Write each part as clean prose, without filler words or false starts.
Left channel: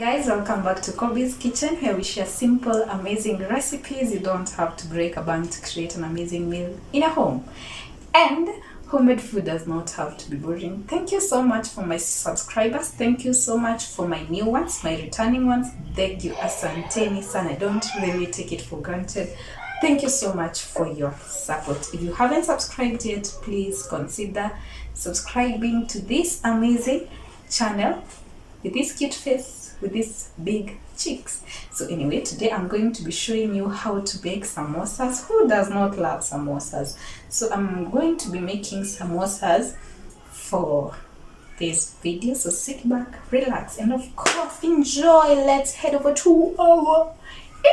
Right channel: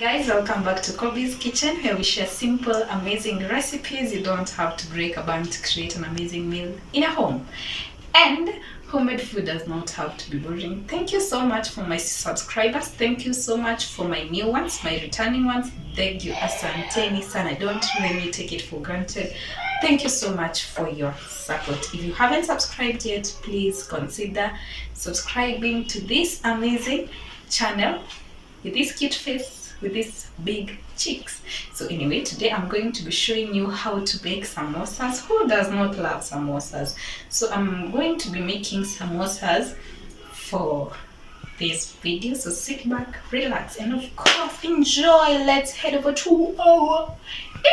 Guys, welcome back to Kobe's Kitchen, where we share simple, amazing recipes. You don't have to break a bank to create an amazing meal in a home. And homemade food does not have to be boring. Thank you so much for my subscribers. Thank you so much for my new ones, my returning ones. Thank you, asanteni sana. Don't really take it for granted. Thank you so much for your support. If you haven't subscribed yet, please consider subscribing to this amazing channel with this cute face, with these big cheeks. So anyway, today I'm going to be showing you how to bake samosas. Who does not love samosas? So I'm going to be making samosas for this video. So sit back, relax, and of course enjoy. Let's head over to our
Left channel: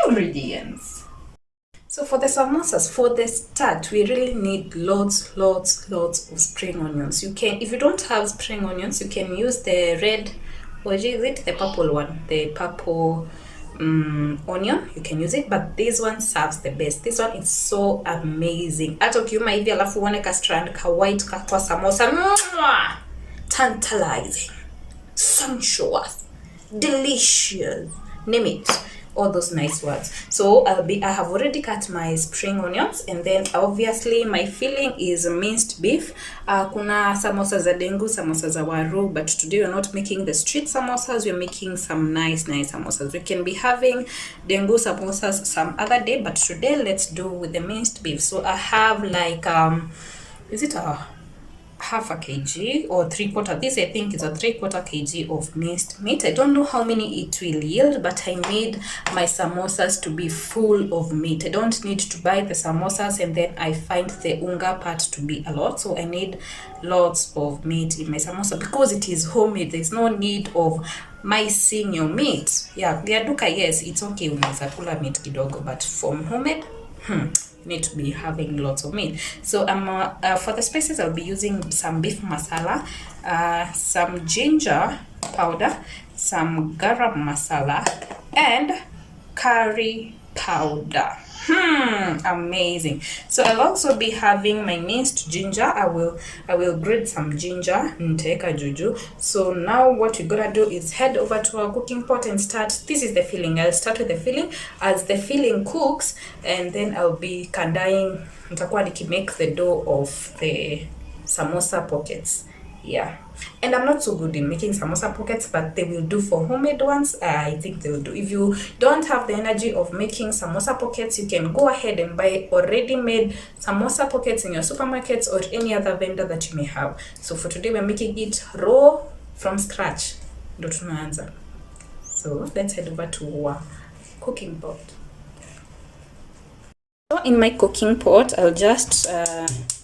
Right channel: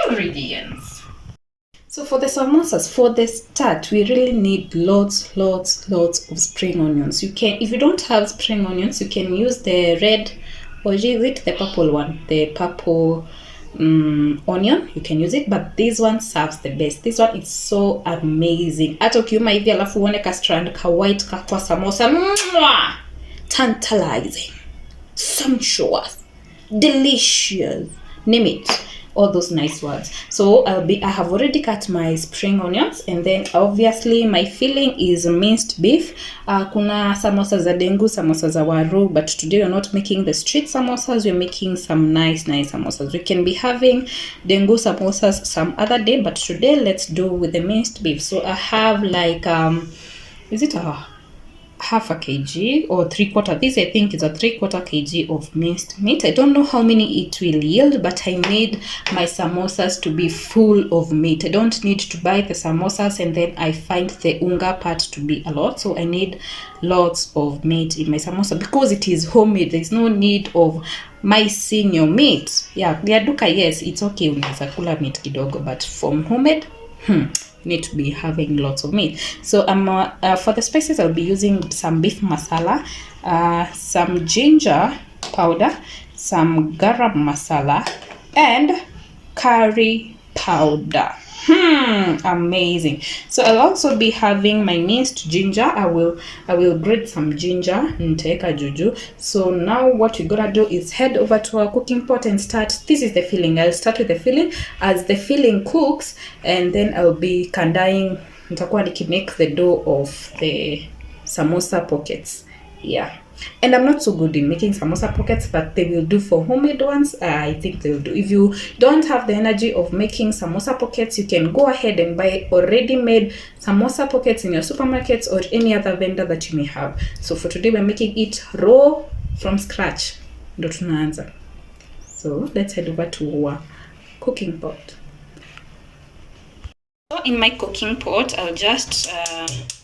ingredients. So for the samosas, for the start, we really need lots of spring onions. You can, if you don't have spring onions, you can use the red, or is it the purple one? The purple onion, you can use it, but this one serves the best. This one is so amazing. Hata ukiuma hivi alafu uone ka strand ka white ka kwa samosa, tantalizing, sumptuous, delicious, name it, all those nice words. So I have already cut my spring onions, and then obviously my filling is minced beef. Kuna samosas za dengu, samosas za waru, but today we're not making the street samosas, we're making some nice samosas. We can be having dengu samosas some other day, but today let's do with the minced beef. So I have like is it a half a kg or 3/4? This I think is a 3/4 kg of minced meat. I don't know how many it will yield, but I need my samosas to be full of meat. I don't need to buy the samosas and then I find the unga part to be a lot. So I need lots of meat in my samosa because it is homemade. There's no need of micing your meat. Yeah, vya duka, yes, it's okay unaweza kula meat kidogo, but from homemade, need to be having lots of meat. So for the spices, I'll be using some beef masala, some ginger powder, some garam masala, and curry powder. Amazing. So I'll also be having my minced ginger. I will grate some ginger and take a juju. So now what we're gonna do is head over to our cooking pot and start. This is the filling. I'll start with the filling. As the filling cooks, and then I'll be kandaing, nitakuwa make the dough of the samosa pockets. Yeah, and I'm not so good in making samosa pockets, but they will do for homemade ones. I think they will do. If you don't have the energy of making samosa pockets, you can go ahead and buy already made samosa pockets in your supermarkets or any other vendor that you may have. So for today, we're making it raw from scratch. Ndo tunaanza. So let's head over to our cooking pot. So in my cooking pot, I'll just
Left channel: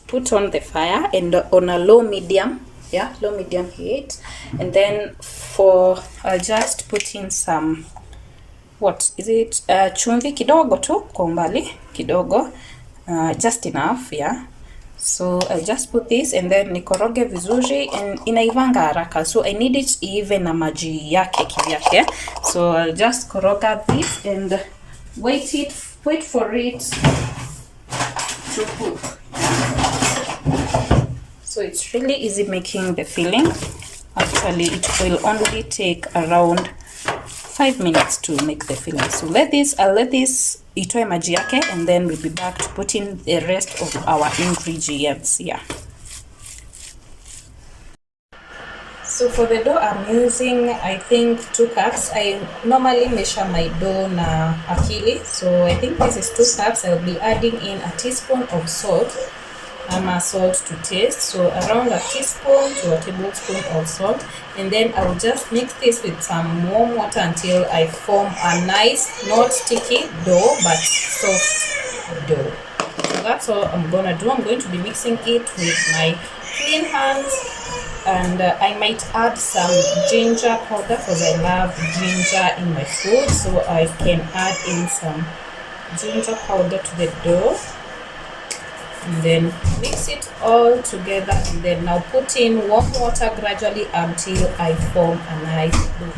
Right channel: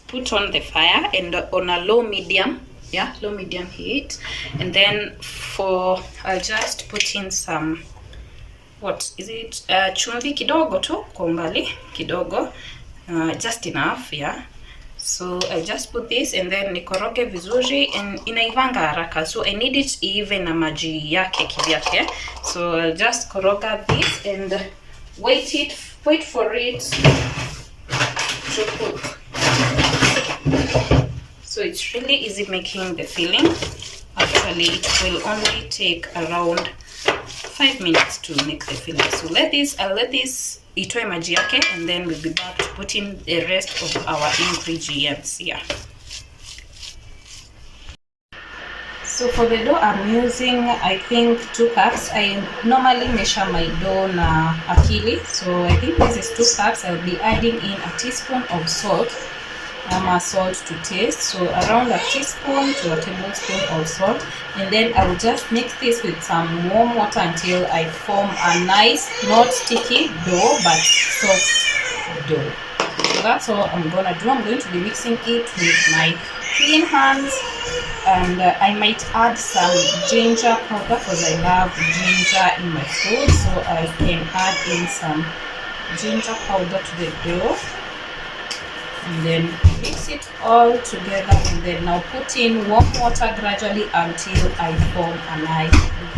put on the fire and on a low medium heat, and then I'll just put in some, what is it, chumvi kidogo tu kwa umbali kidogo, just enough. Yeah, so I'll just put this and then nikoroge vizuri, and inaivanga haraka, so I need it even na maji yake kivyake. So I'll just koroga this and wait for it to cook. So it's really easy making the filling. Actually, it will only take around 5 minutes to make the filling. So I'll let this itoe maji yake, and then we'll be back to put in the rest of our ingredients. Yeah. So for the dough, I'm using, I think, 2 cups. I normally measure my dough na akili. So I think this is 2 cups. I'll be adding in a teaspoon of salt. Salt to taste, so around a teaspoon to a tablespoon of salt, and then I will just mix this with some warm water until I form a nice, not sticky dough, but soft dough. So that's all I'm gonna do. I'm going to be mixing it with my clean hands, and I might add some ginger powder because I love ginger in my food, so I can add in some ginger powder to the dough. And then mix it all together, and then now put in warm water gradually until I form a nice dough.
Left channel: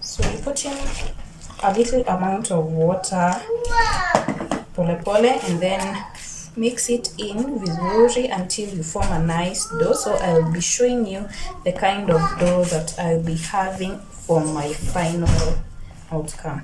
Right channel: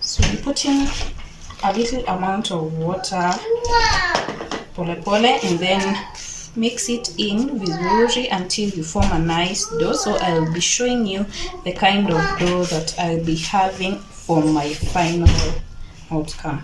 So you put in a little amount of water, pole, and then mix it in vizuri until you form a nice dough. So I'll be showing you the kind of dough that I'll be having for my final outcome.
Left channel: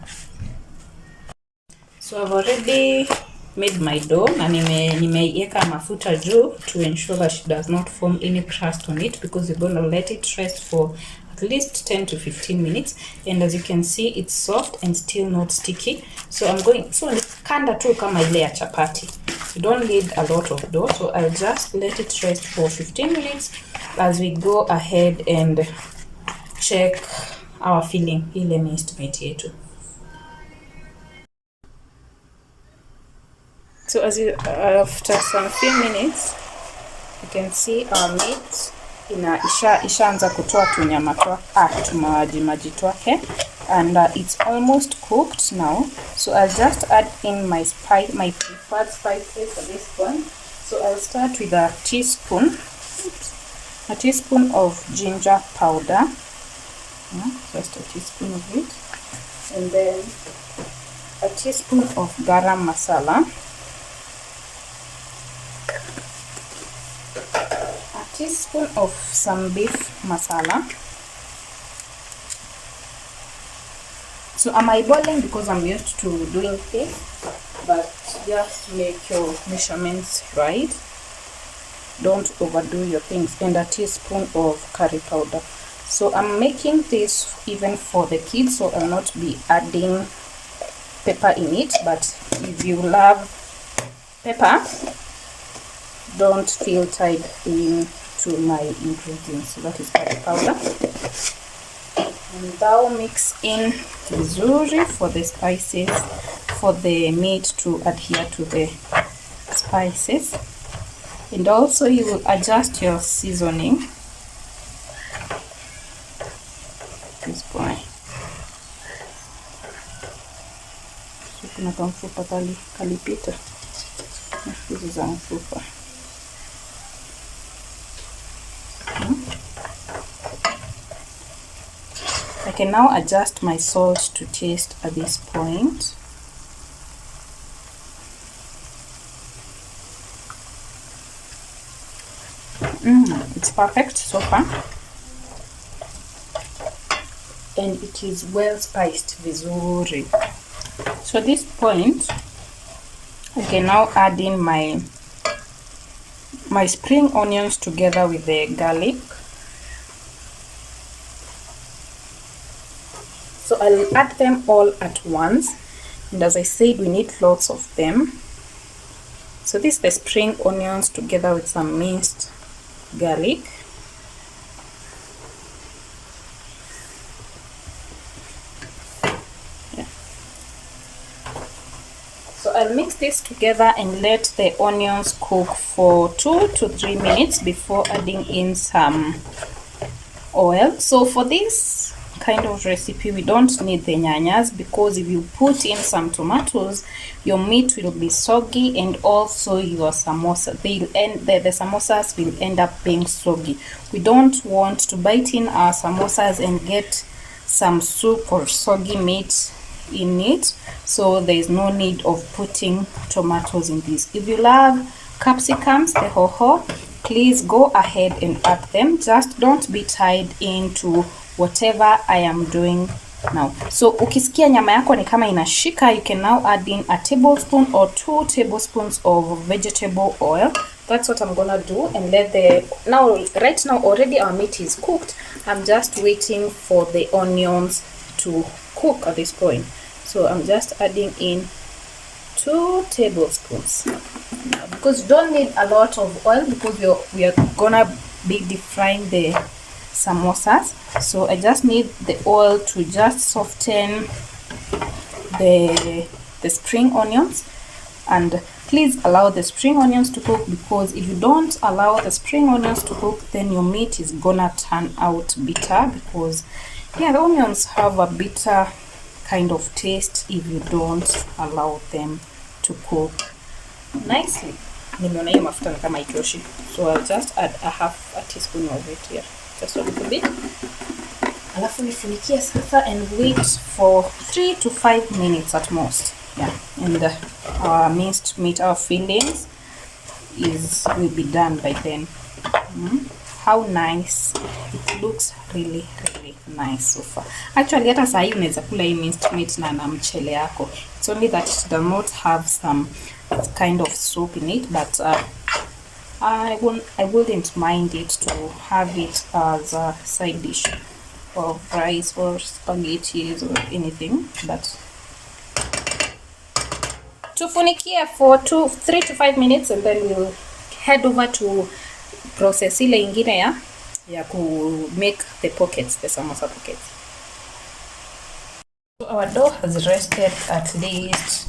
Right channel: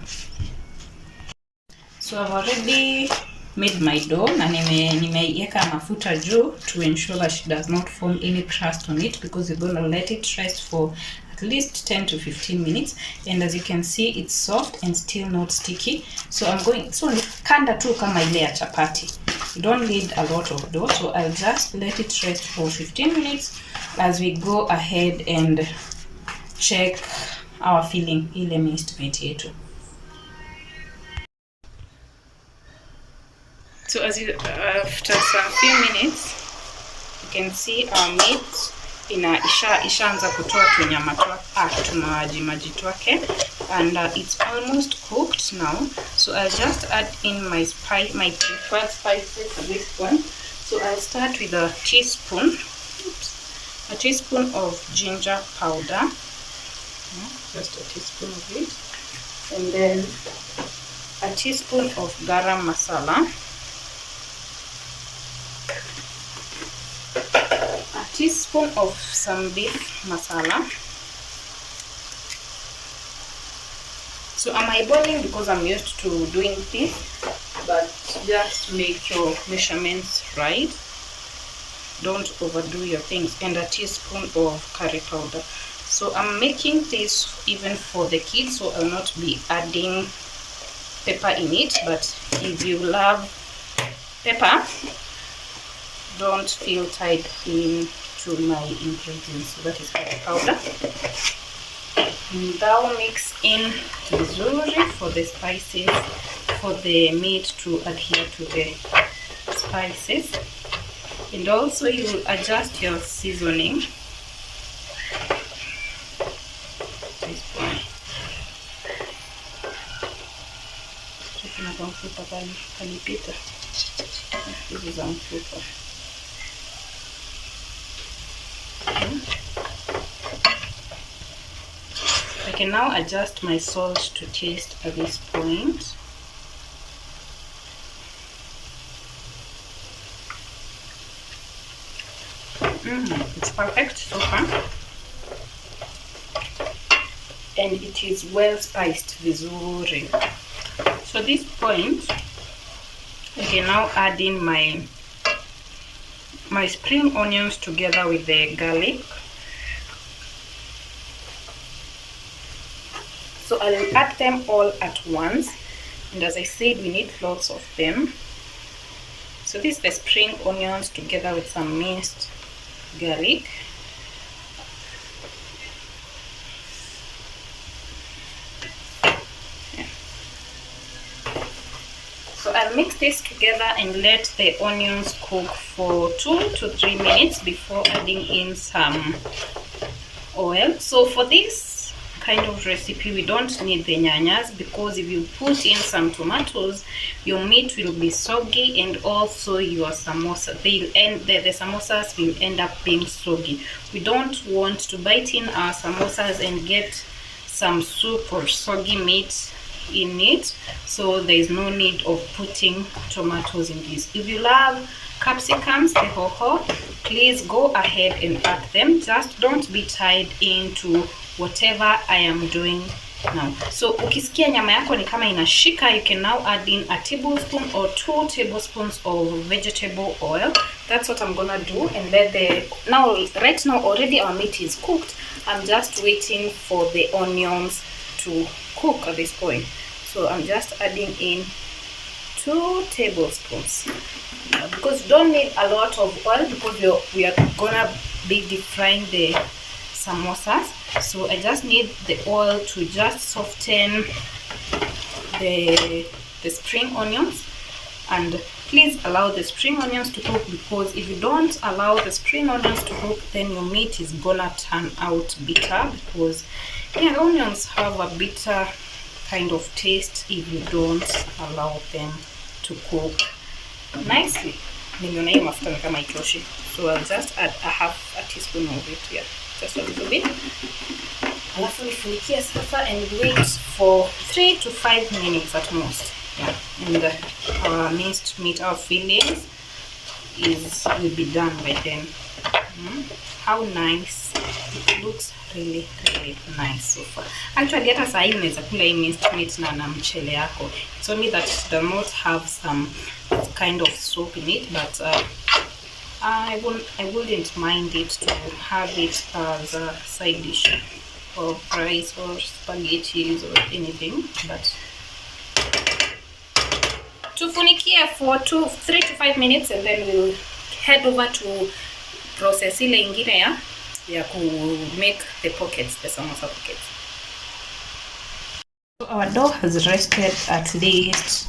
So I've already made my dough na nimeiweka mafuta juu to ensure that she does not form any crust on it, because we're going to let it rest for at least 10 to 15 minutes. And as you can see, it's soft and still not sticky. So I'm going, so kanda tu kama ile ya chapati. You don't need a lot of dough, so I'll just let it rest for 15 minutes as we go ahead and check our filling ile minced meat yetu. So as you, after some few minutes, you can see our meat ishaanza kutoa tunyama tumaji twake, and it's almost cooked now. So I'll just add in my preferred spices at this point. So I'll start with a teaspoon of ginger powder, just a teaspoon of it, and then a teaspoon of garam masala, a teaspoon of some beef masala. So am I boiling because I'm used to doing this, but just make your measurements right. Don't overdo your things. And a teaspoon of curry powder. So I'm making this even for the kids, so I'll not be adding pepper in it, but if you love pepper, don't feel tied into my ingredients. So that is curry powder. And now mix in vizuri for the spices, for the meat to adhere to the spices. And also you will adjust your seasoning. This point. Kalipita. This is mfupa. I can now adjust my salt to taste at this point. It's perfect so far, and it is well spiced vizuri. So at this point, I can now add in my spring onions together with the garlic. So I'll add them all at once, and as I said, we need lots of them. So this is the spring onions together with some minced garlic. Yeah. So I'll mix this together and let the onions cook for 2 to 3 minutes before adding in some oil. So for this kind of recipe, we don't need the nyanyas, because if you put in some tomatoes, your meat will be soggy, and also your samosa, the samosas will end up being soggy. We don't want to bite in our samosas and get some soup or soggy meat in it, so there is no need of putting tomatoes in this. If you love capsicums, the hoho, please go ahead and add them. Just don't be tied into whatever I am doing now. So ukisikia nyama yako ni kama inashika, you can now add in a tablespoon or 2 tablespoons of vegetable oil. That's what I'm gonna do. And let right now already our meat is cooked. I'm just waiting for the onions to cook at this point. So I'm just adding in 2 tablespoons, because you don't need a lot of oil, because we are gonna be deep frying the samosas. So I just need the oil to just soften the spring onions, and please allow the spring onions to cook, because if you don't allow the spring onions to cook, then your meat is gonna turn out bitter, because the onions have a bitter kind of taste if you don't allow them to cook nicely. So I'll just add a teaspoon of it here, just a little bit. Alafu nifunikie sasa and wait for 3 to 5 minutes at most. Yeah, and our minced meat, our fillings will be done by then. How nice it looks, really nice so far. Actually hata saa hii unaweza kula hii minced meat na mchele yako. It's only that it does not have some kind of soup in it, but I wouldn't mind it to have it as a side dish of rice or spaghetti or anything. But tufunikie for 3 to 5 minutes and then we'll head over to process ile ingine ya ku make the pockets, the samosa pockets. So our dough has rested at least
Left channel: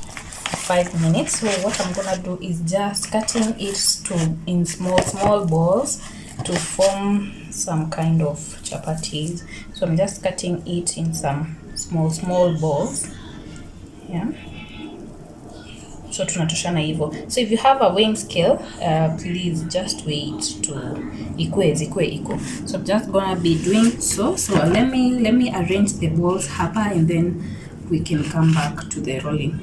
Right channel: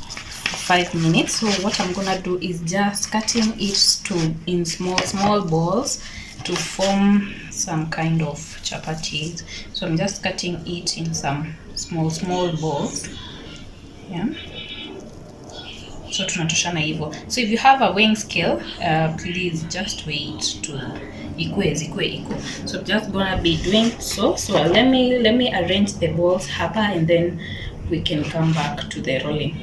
5 minutes. So what I'm gonna do is just cutting it in small balls to form some kind of chapatis. So I'm just cutting it in some small balls. Yeah. So tunatoshana hivyo. So if you have a weighing scale, please just weigh it to equal. So I'm just gonna be doing so. So let me arrange the balls hapa and then we can come back to the rolling.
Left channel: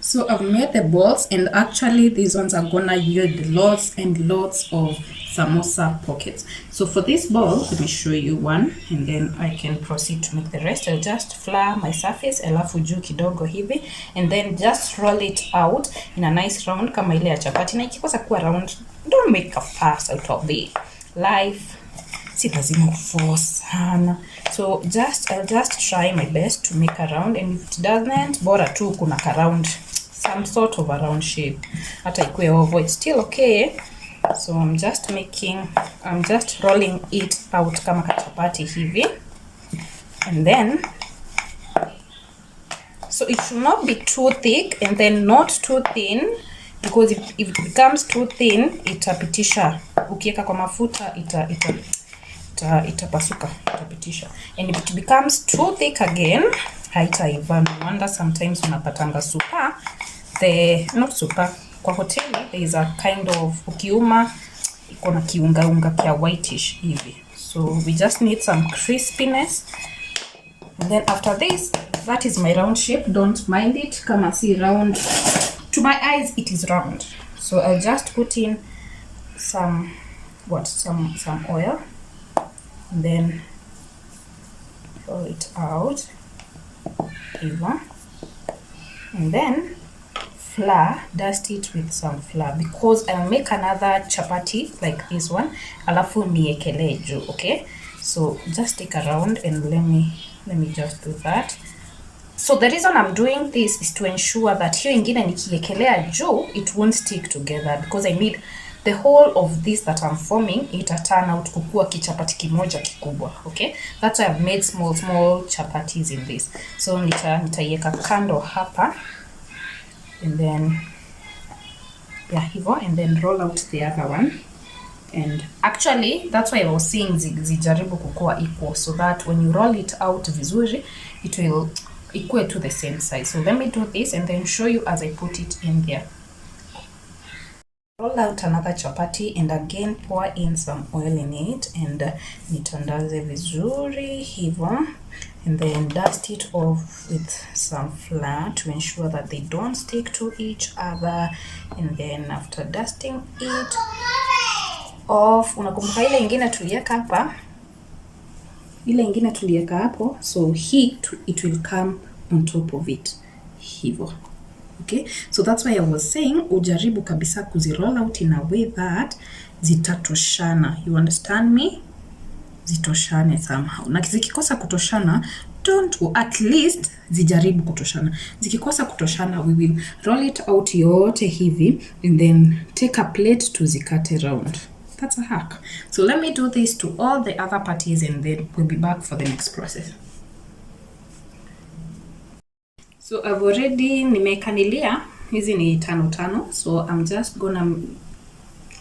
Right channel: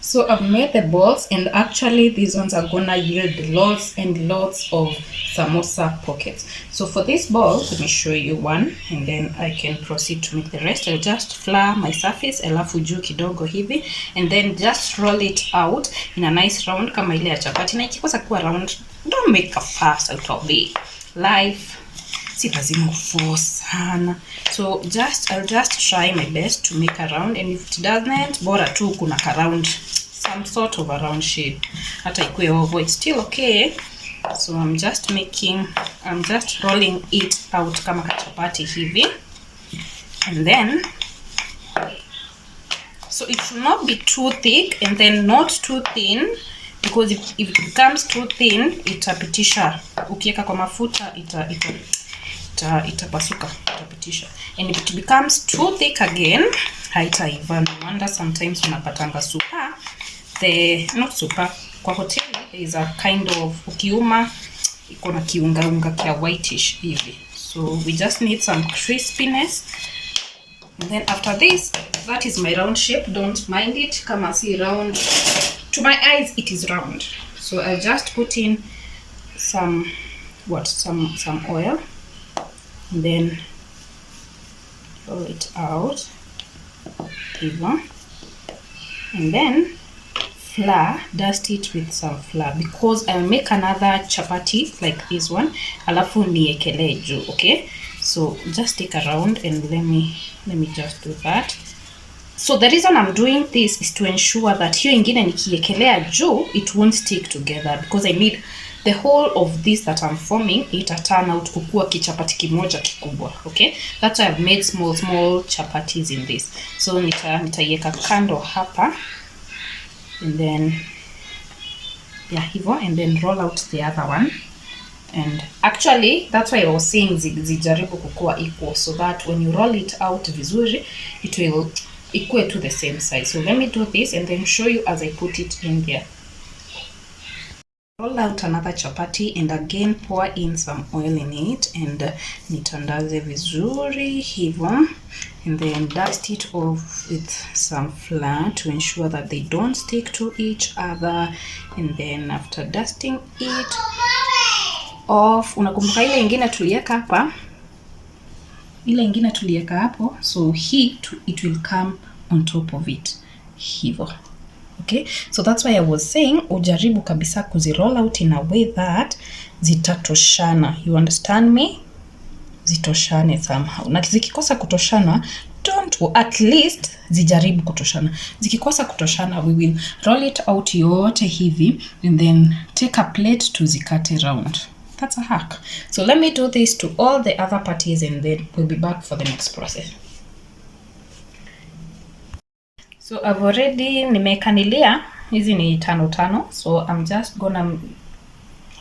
So I've made the balls, and actually these ones are gonna yield lots and lots of samosa pockets. So for this ball, let me show you one and then I can proceed to make the rest. I'll just flour my surface alafu juu kidogo hivi and then just roll it out in a nice round kama ile ya chapati. Na ikikosa kuwa round, don't make a fuss out of it. Life si lazima force sana. So I'll just try my best to make a round, and if it doesn't, bora tu kuna ka round, some sort of a round shape. Hata ikue oval, it's still okay. So I'm just rolling it out kama kachapati hivi. And then, so it should not be too thick and then not too thin, because if it becomes too thin, itapitisha. Ukiweka kwa mafuta itapasuka, itapitisha. And if it becomes too thick again, haitaiva. No wonder sometimes unapatanga super. Not super. Kwa hoteli there is a kind of ukiuma iko na kiunga kia whitish hivi. So we just need some crispiness. And then after this, that is my round shape. Don't mind it kama si round. To my eyes it is round. So I'll just put in some oil and then roll it out even, and then flour, dust it with some flour, because I'll make another chapati like this one alafu niekele juu. Okay, so just take a round and let me just do that. So the reason I'm doing this is to ensure that hiyo ingine nikiekelea juu it won't stick together, because I need the whole of this that I'm forming it turn out kukua kichapati kimoja kikubwa. Okay, that's why I've made small chapatis in this. So nitaiweka kando hapa and then hivyo, and then roll out the other one. And actually that's why I was saying zijaribu kukua equal, so that when you roll it out vizuri it will equal to the same size. So let me do this and then show you as I put it in there. Roll out another chapati and again pour in some oil in it and nitandaze vizuri hivyo, and then dust it off with some flour to ensure that they don't stick to each other. And then after dusting it off, unakumbuka ile ingine tuliweka hapa, hapo, so it will come on top of it hivyo. Okay, so that's why I was saying ujaribu kabisa kuziroll out in a way that zitatoshana. You understand me? Zitoshane somehow. Na zikikosa kutoshana, at least zijaribu kutoshana. Zikikosa kutoshana, we will roll it out yote hivi and then take a plate to zikate round. That's a hack. So let me do this to all the other parties and then we'll be back for the next process. So I've already nimekanilia, hizi ni tano. So I'm just gonna,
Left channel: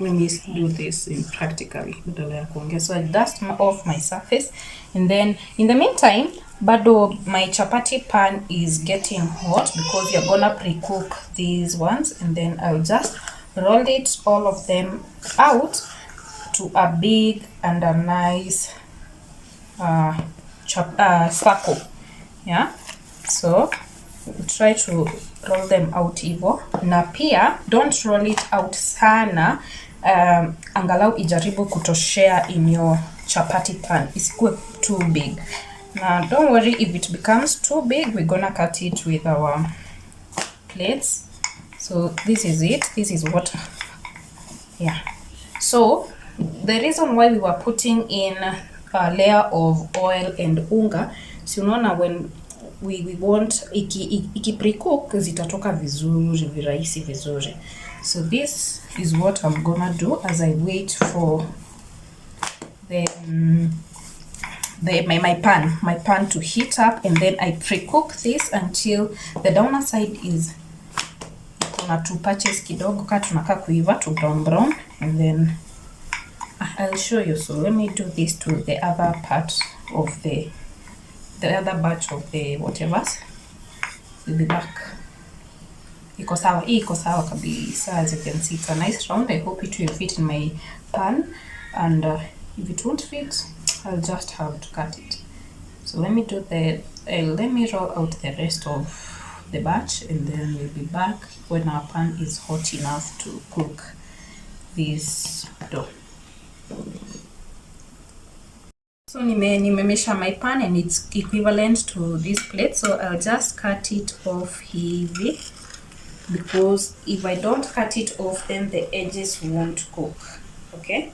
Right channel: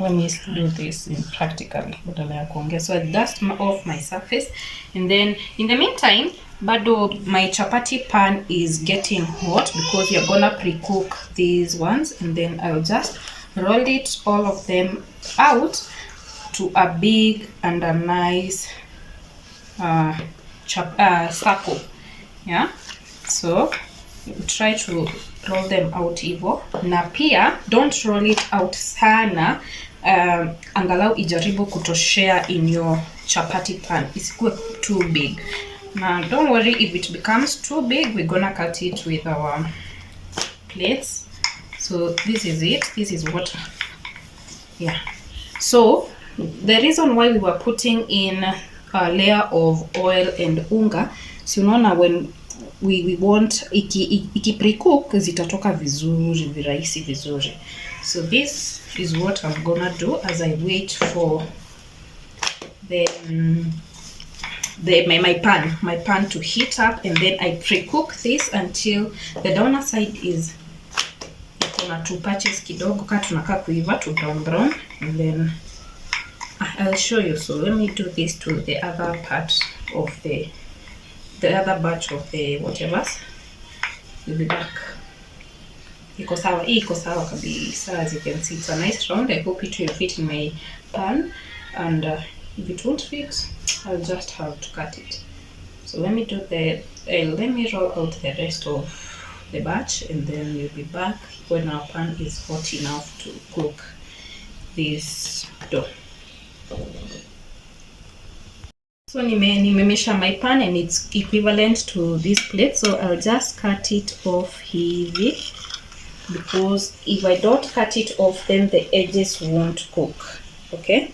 let me do this in practically badala ya kuongea. So I dust off my surface, and then in the meantime bado my chapati pan is getting hot because we are gonna pre-cook these ones, and then I'll just roll it all of them out to a big and a nice circle. Yeah, so try to roll them out hivyo, na pia don't roll it out sana. Angalau ijaribu kutoshea in your chapati pan, isikuwe too big. Now don't worry if it becomes too big, we're gonna cut it with our plates. So this is it, this is what, yeah. So the reason why we were putting in a layer of oil and unga, so unaona when we want iki pre-cook zitatoka vizuri, virahisi vizuri. So this is what I'm gonna do as I wait for my pan to heat up, and then I pre-cook this until the downer side is kuna two patches kidogo ka tunaka kuiva to brown, and then I'll show you. So let me do this to the other part of the other batch of the whatever. We'll be back. Iko sawa kabisa. As you can see, it's a nice round. I hope it will fit in my pan, and if it won't fit, I'll just have to cut it. So let me do let me roll out the rest of the batch, and then we'll be back when our pan is hot enough to cook this dough. So nimemesha my pan and it's equivalent to this plate, so I'll just cut it off hivi, because if I don't cut it off then the edges won't cook. Okay,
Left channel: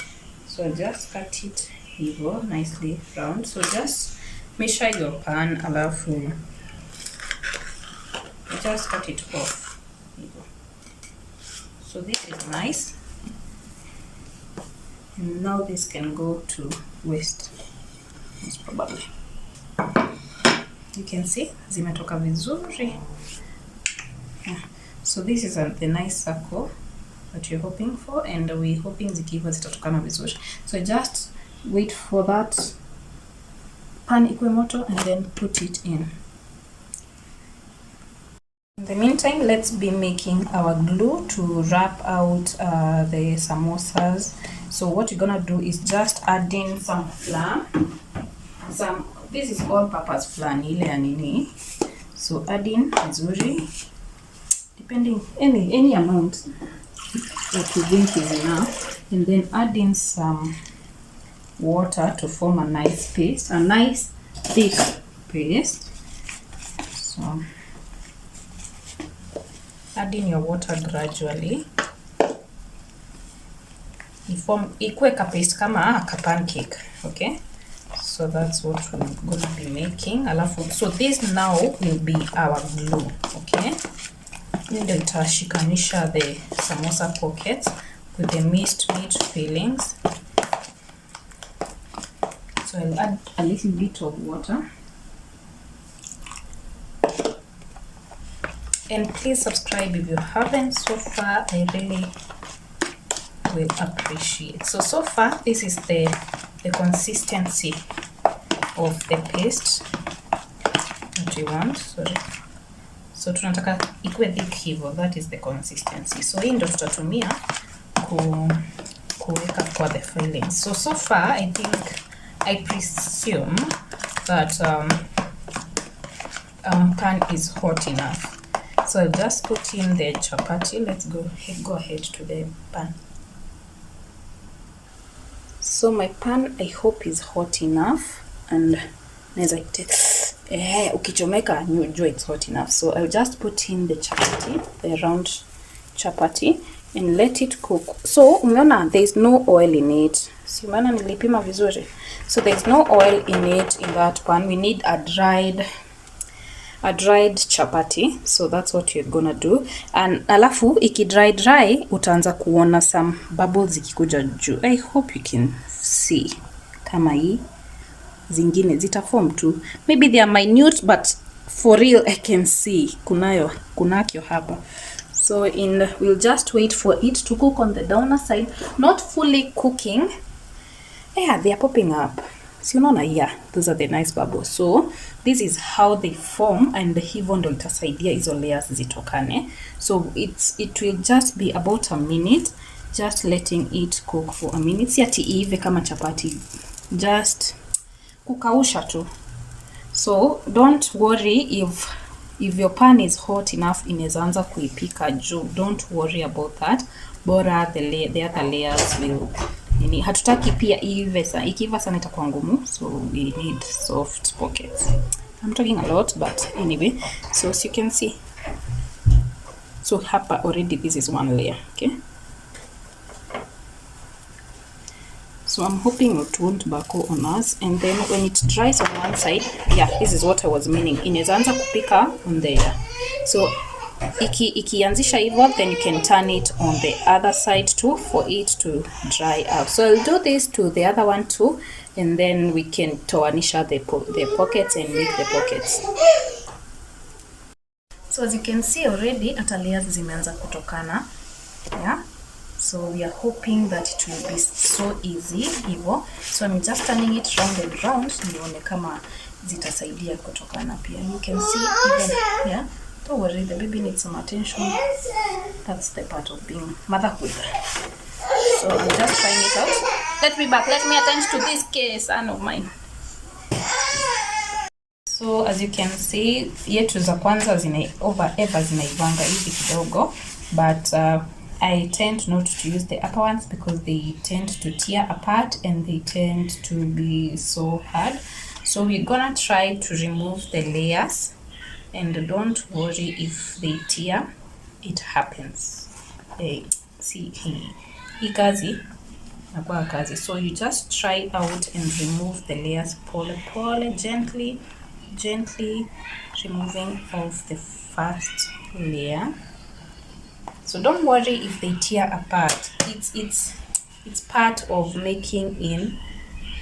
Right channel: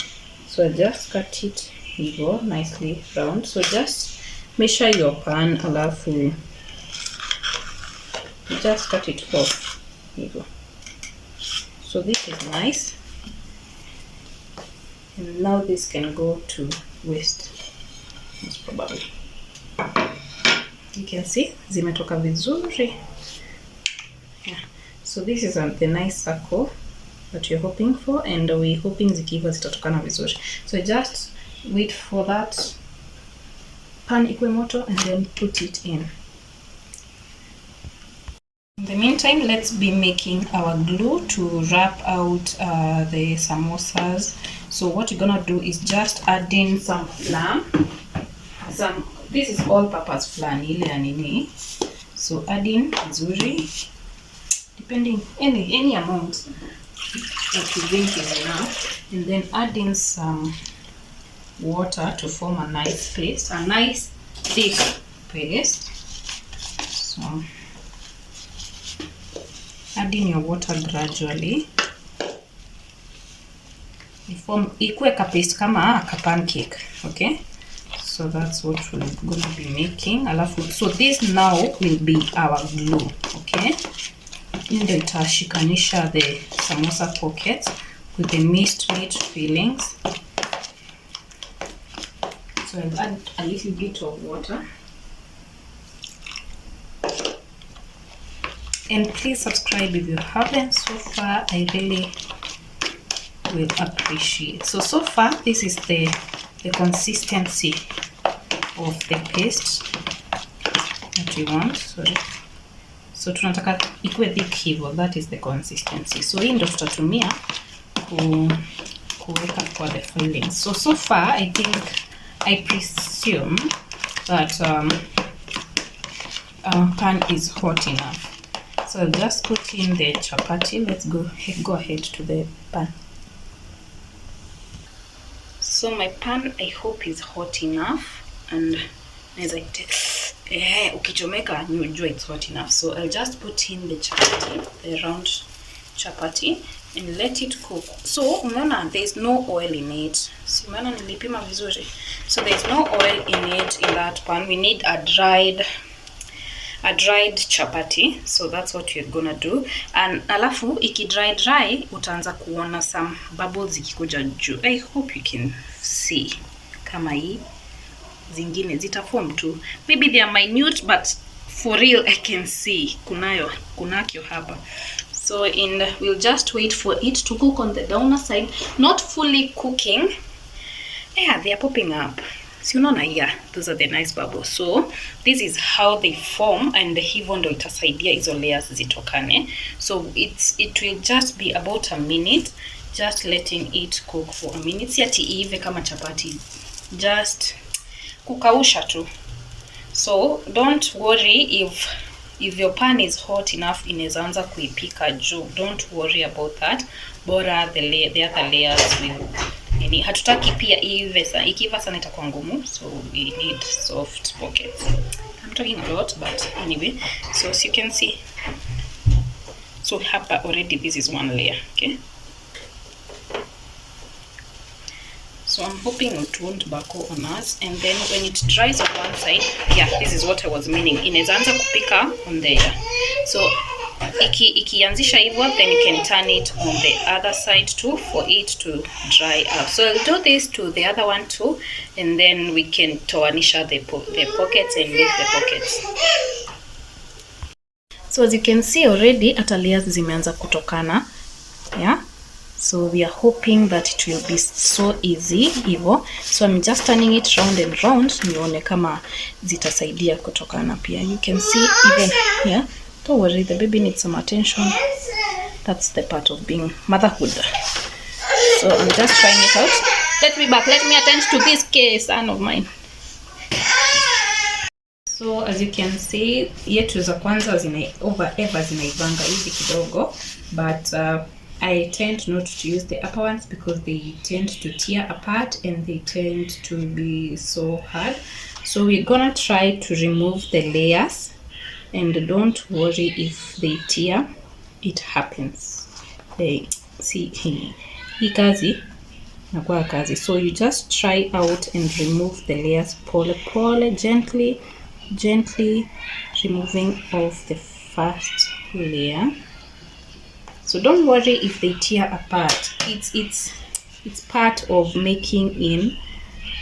so I just cut it hivo nicely round. So just measure your pan, alafu just cut it off hivo. So this is nice, and now this can go to waste. Most probably you can see zimetoka vizuri. Yeah. So this is the nice circle that you're hoping for, and we're hoping zikiva zitatokana vizuri. So just wait for that pan ikue moto and then put it in. In the meantime, let's be making our glue to wrap out the samosas. So what you're gonna do is just add in some flour. This is all-purpose flour, ile ya nini. So add in vizuri, depending any amount that you think is enough, and then add in some water to form a nice paste, a nice thick paste. So add in your water gradually. Ikue ka paste kama ka pancake. Okay, so that's what we're gonna be making. So this now will be our glue. Okay, ndio itashikanisha the samosa pockets with the minced meat fillings. So I'll add a little bit of water. And please subscribe if you haven't so far. I really will appreciate. So far this is the consistency of the paste that we want. Sorry. So tunataka ikue thick hivyo, that is the consistency. So hii ndio tutatumia kuweka kwa the fillings. So far I presume that our pan is hot enough. So I'll just put in the chapati. Let's go ahead to the pan. So my pan, I hope, is hot enough, and as I ukichomeka you enjoy it's hot enough. So I'll just put in the chapati, the round chapati, and let it cook. So unaona there's no oil in it. Si maana nilipima vizuri. So there's no oil in it in that pan. We need a dried chapati. So that's what you're gonna do. And alafu iki dry utaanza kuona some bubbles zikikuja juu. I hope you can see kama hii zingine zitaform too. Maybe they are minute, but for real I can see kunakyo hapa. So we'll just wait for it to cook on the downer side, not fully cooking. Yeah, they are popping up. So yeah, those are the nice bubbles. So this is how they form, and hivyo ndo itasaidia hizo layers zitokane. So it will just be about a minute, just letting it cook for a minute. Si ati ive kama chapati, just kukausha tu. So don't worry if if your pan is hot enough inaweza anza kuipika juu. Don't worry about that. Bora the other layers will hatutaki pia ikiva sana itakuwa ngumu, so we need soft pockets. I'm talking a lot, but anyway, so as you can see, so hapa already this is one layer. Okay, so I'm hoping it won't buckle on us, and then when it dries on one side, yeah, this is what I was meaning, inaweza anza kupika on there. So ikianzisha hivyo, then you can turn it on the other side too for it to dry out. So I'll do this to the other one too, and then we can toanisha the pockets and make the pockets. So as you can see already hata layers zimeanza kutokana, yeah. So we are hoping that it will be so easy hivyo. So I'm just turning it round and round nione kama zitasaidia kutokana pia. You can see even here. Don't worry, the baby needs some attention. That's the part of being motherhood. So I'm just trying it out. Let me back. Let me attend to this case, son of mine. So as you can see, yetu za kwanza zinaivanga hivi kidogo, but I tend not to use the upper ones because they tend to tear apart and they tend to be so hard. So we're gonna try to remove the layers. And don't worry if they tear, it happens. See, hii kazi nakuwa kazi. So you just try out and remove the layers pole, gently removing off the first layer. So don't worry if they tear apart. It's part of making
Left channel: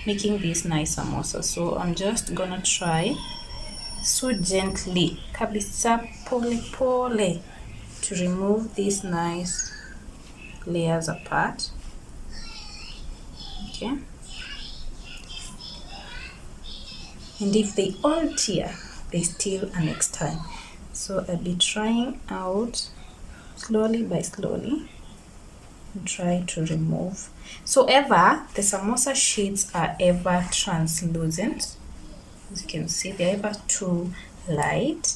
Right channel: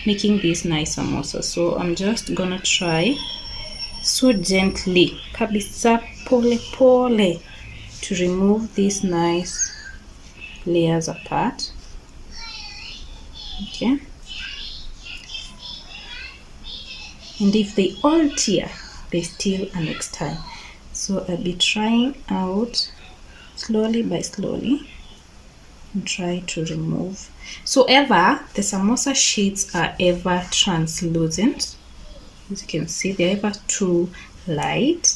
this nice samosa. So I'm just gonna try so gently, kabisa, pole to remove these nice layers apart. Okay, and if they all tear, there's still a next time. So I'll be trying out slowly by slowly and try to remove. So the samosa sheets are ever translucent. As you can see, they're ever too light.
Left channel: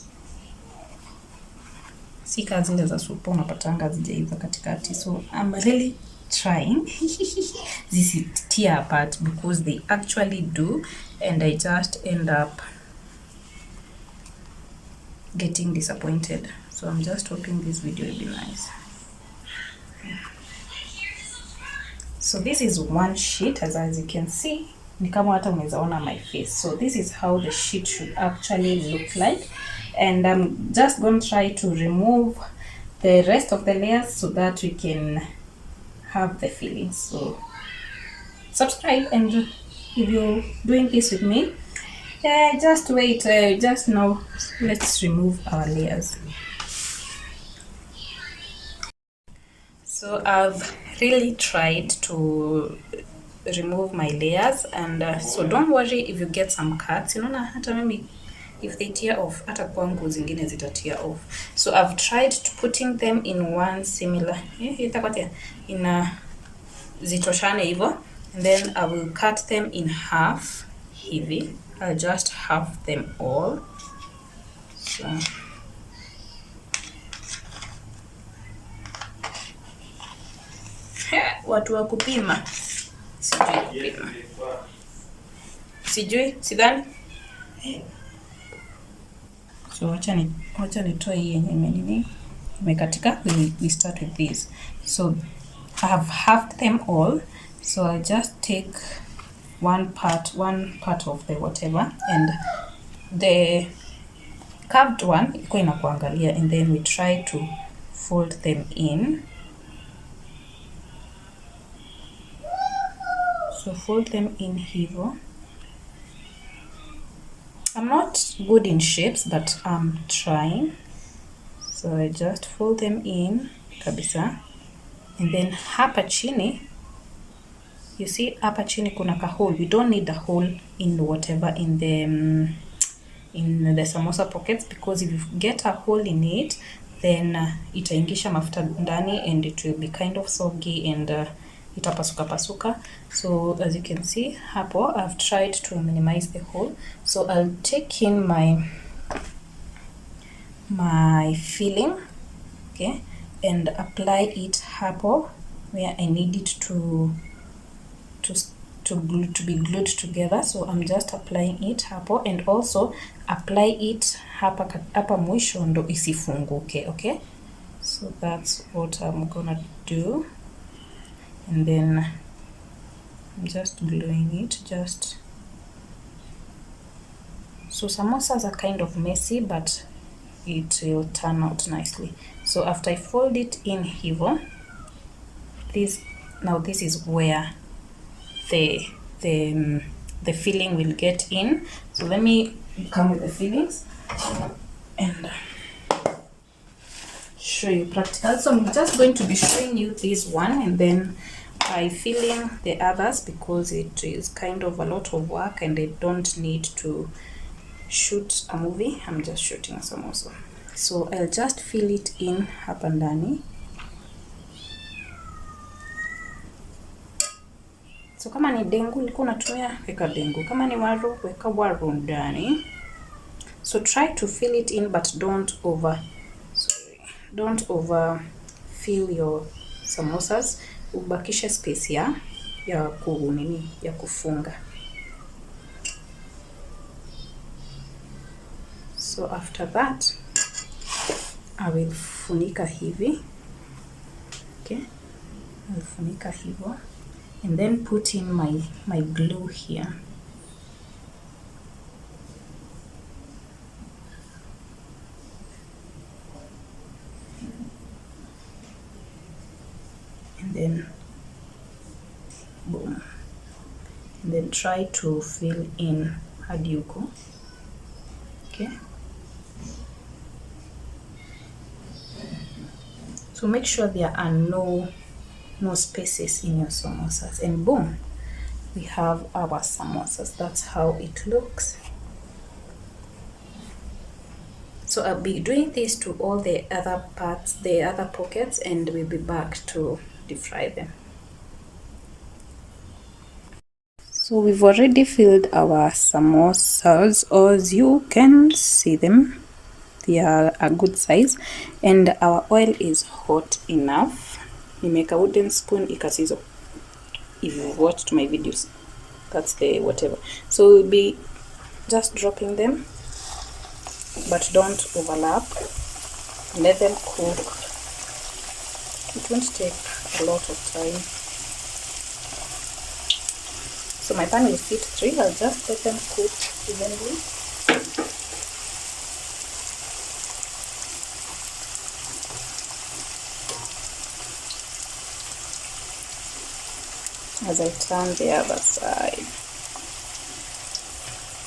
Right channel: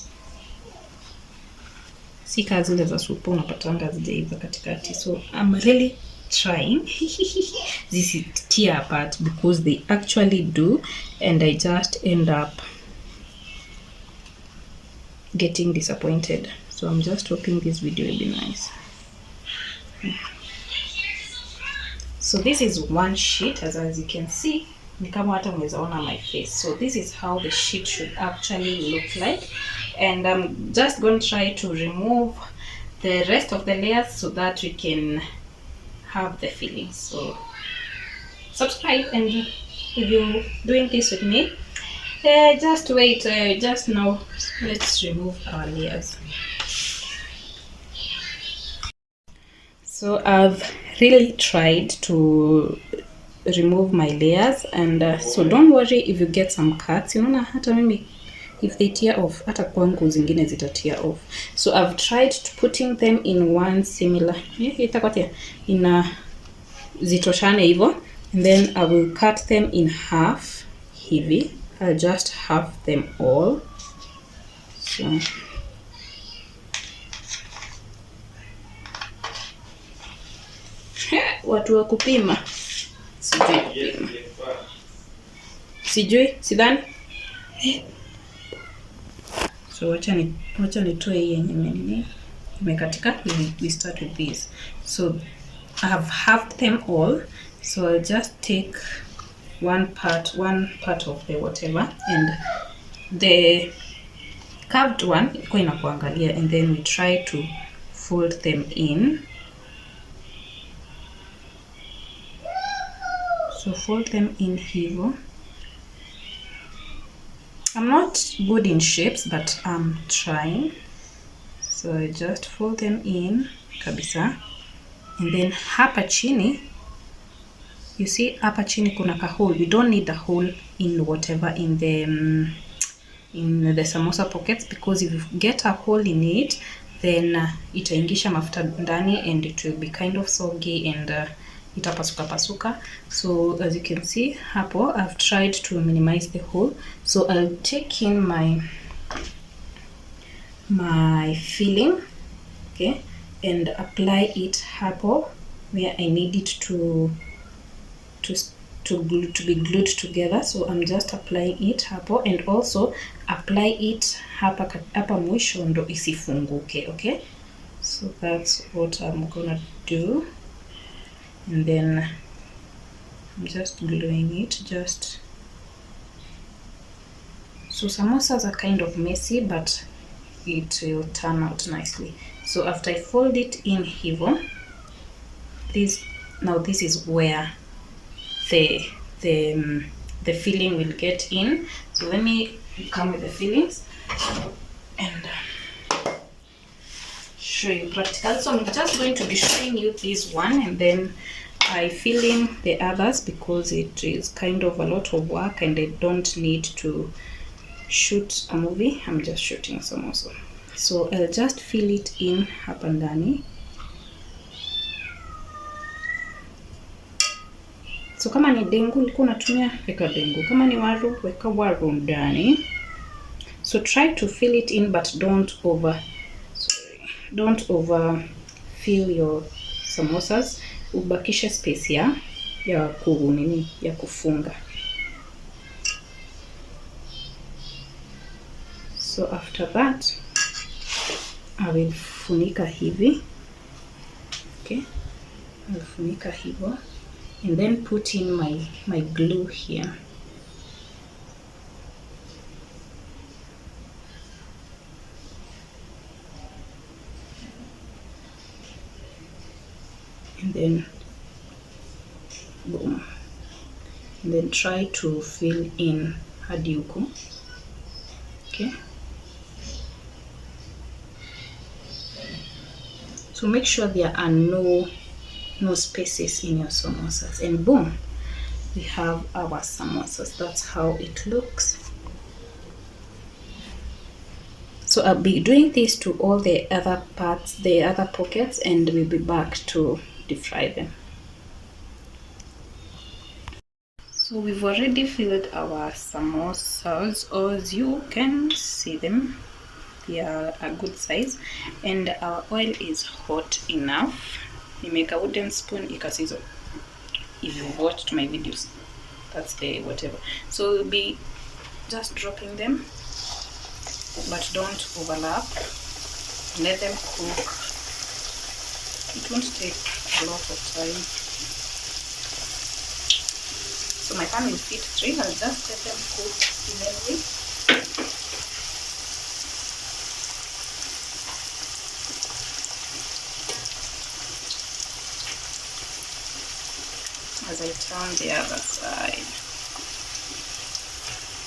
Si kazi zile za supu unapatanga zijaiva katikati. So I'm really trying. This is tear apart because they actually do, and I just end up getting disappointed. So I'm just hoping this video will be nice. So this is one sheet, as you can see. Ni kama hata unaweza ona my face. So this is how the sheet should actually look like, and I'm just going to try to remove the rest of the layers so that we can have the filling. So subscribe, and if you're doing this with me, just wait, just now let's remove our layers. So I've really tried to remove my layers, and so don't worry if you get some cuts. Unaona hata mimi if they tear off, hata kwangu zingine zita tear off. So I've tried to putting them in one similar in zitoshane hivyo, and then I will cut them in half hivi. I'll just half them all. So watu wa kupima sijui sidhani. So wacha nitoe hii yenye nimekatika. We start with this. So I have halved them all, so I'll just take one part of the whatever, and the curved one iko inakuangalia, and then we try to fold them in. So fold them in here. I'm not good in shapes, but I'm trying. So I just fold them in kabisa, and then hapa chini, you see hapa chini kuna ka hole. We don't need a hole in whatever in the samosa pockets, because if you get a hole in it, then itaingisha mafuta ndani and it will be kind of soggy and itapasuka. So as you can see hapo, I've tried to minimize the hole. So I'll take in my my filling, okay, and apply it hapo where I need it to be glued together. So I'm just applying it hapo, and also apply it hapa mwisho ndo isifunguke. Okay, so that's what I'm gonna do, and then I'm just gluing it. Just so samosas are kind of messy, but it will turn out nicely. So after I fold it in hivo, this is where the filling will get in. So let me come with the fillings and show you practical. So I'm just going to be showing you this one, and then I fill in the others because it is kind of a lot of work and I don't need to shoot a movie. I'm just shooting samosa. So I'll just fill it in hapa ndani. So kama ni dengu ulikuwa unatumia, weka dengu. Kama ni waru, weka waru ndani. So try to fill it in, but don't over fill your samosas. Ubakisha space ya kufunga. So after that, I will funika hivi. Okay, I'll funika hivo, and then put in my glue here. And then boom, and then try to fill in hadi huko. Okay, so make sure there are no spaces in your samosas, and boom, we have our samosas. That's how it looks. So I'll be doing this to all the other parts, the other pockets, and we'll be back to deep fry them. So we've already filled our samosas, as you can see them. They are a good size, and our oil is hot enough. You make a wooden spoon ikasizo. If you've watched my videos, that's the whatever. So we'll be just dropping them, but don't overlap. Let them cook. It won't take a lot of time. So my pan is heat 3. I'll just let them cook evenly. As I turn the other side.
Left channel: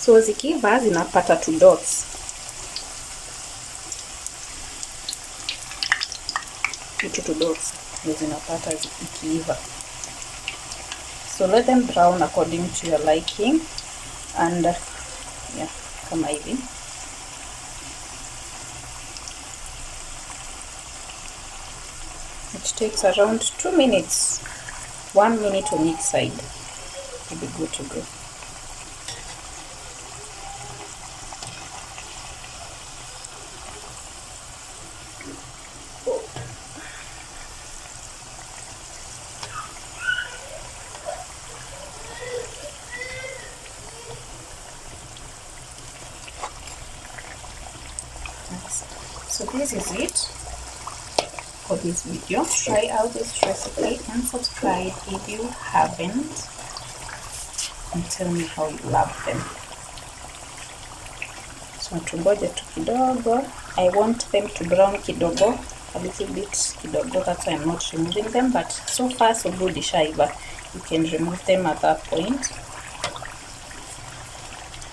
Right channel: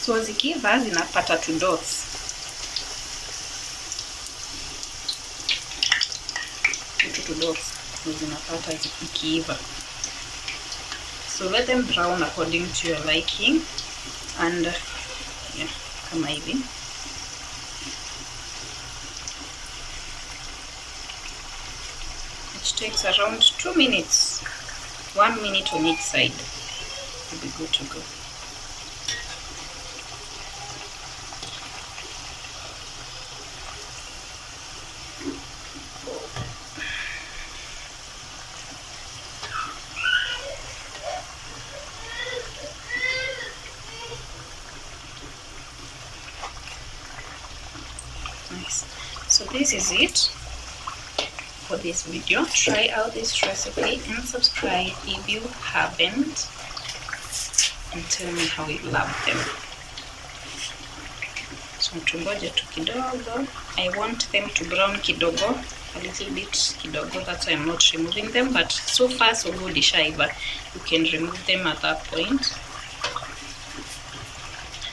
So zikiva zinapata 2 dots. Two dots zinapata zikiva. So let them brown according to your liking, and yeah, kama hivi. It takes around 2 minutes. 1 minute on each side. You'll be good to go. Nice. So this is it for this video. Try out this recipe and subscribe if you haven't, and tell me how you love them. So tungoje tu kidogo. I want them to brown kidogo, a little bit kidogo. That's why I'm not removing them, but so far so good ishaiva. You can remove them at that point.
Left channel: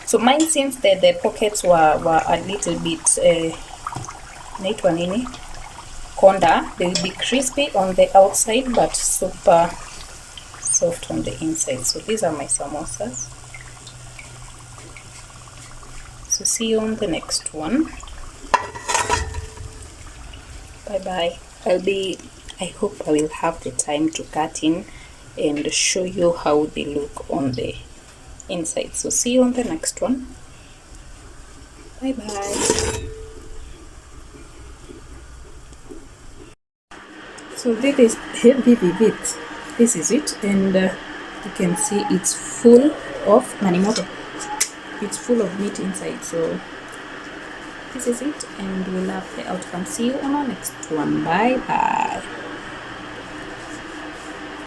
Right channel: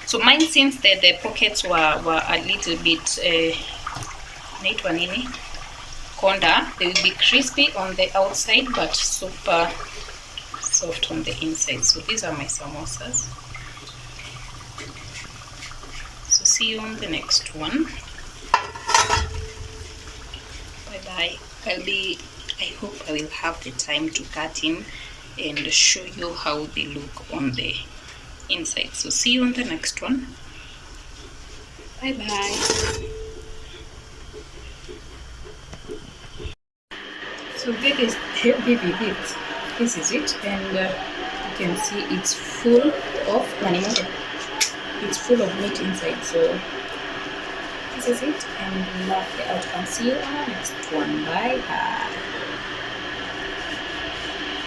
So mine, since the pockets were a little bit naitwa nini, konda, they will be crispy on the outside but super soft on the inside. So these are my samosas. So see you on the next one. Bye bye. I hope I will have the time to cut in and show you how they look on the inside. So see you on the next one. Bye bye. So this is it, and you can see it's full of manimoto. It's full of meat inside. So this is it, and we love the outcome. See you on our next one. Bye bye.